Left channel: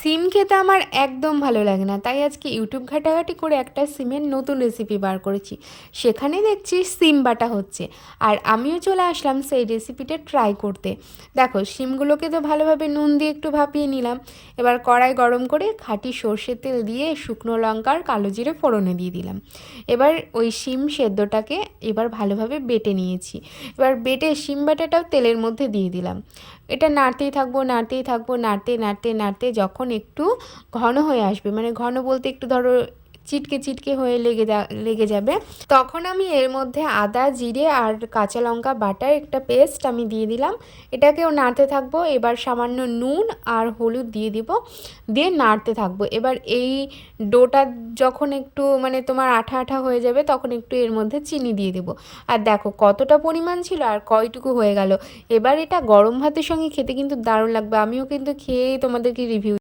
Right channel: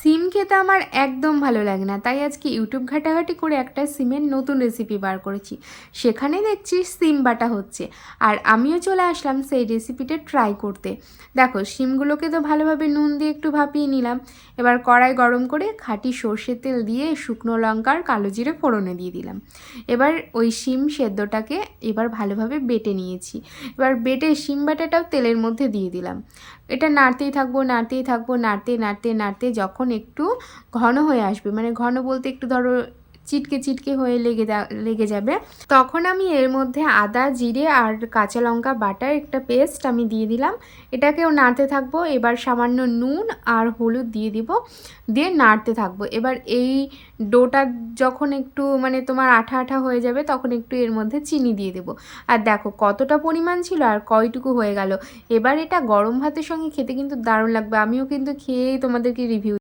সিম খেতে আমার একদম ভালো লাগে না, তাই আজকে ইউটিউব ঘাটাঘাটি করে একটা সিমের নতুন রেসিপি বার করেছি। সেখানে দেখছি সিম বাটা হচ্ছে, আর আমিও চলে আসলাম সেই রেসিপিটা ট্রাই করতে। দেখো, সিমগুলোকে তো ভালোভাবে নুন দিয়ে একটু ভাপিয়ে নিলাম। এবার কড়াই গরম করে খাঁটি সর্ষের তেল দিয়ে শুকনো লঙ্কার কালো জিরে ফোড়নে দিয়ে দিলাম। এবার ওই সিম সেদ্ধটাকে এবার ভালোভাবে বেটে নিয়েছি। এবার বেটে সিম বাটাটাও তেলের মধ্যে দিয়ে দিলাম। এটা নাড়তেই থাকবো, নাড়তেই থাকবো, নাড়তে নাড়তে নাড়তে যখন একটু ঘন হয়ে আসবে, মানে ঘন বলতে একটু ধরো চিটকে চিটকে হয়ে লেগে যাবে, তখন আমি এর মধ্যে আদা জিরে আর কাঁচা লঙ্কা বাটার একটা পেস্ট আমি দিয়ে দিলাম। এটাকেও নাড়তে থাকবো। এবার সামান্য নুন আর হলুদ দিয়ে দিব, দিয়ে নাড়তে থাকবো। এবার এই ডোটা যখন একটু মানে তোমার আঠা আঠা হয়ে যাবে, তখন একটু এর মধ্যে চিনি দিয়ে দেবো। আর দেখো কতটা পরিমাণ ছিল আর কয়টুকু হয়ে গেল। এবার এটা গরম ভাতের সঙ্গে খেতে কিন্তু দারুণ লাগবে। আমিও কিন্তু খেয়েই তোমাদেরকে রিভিউ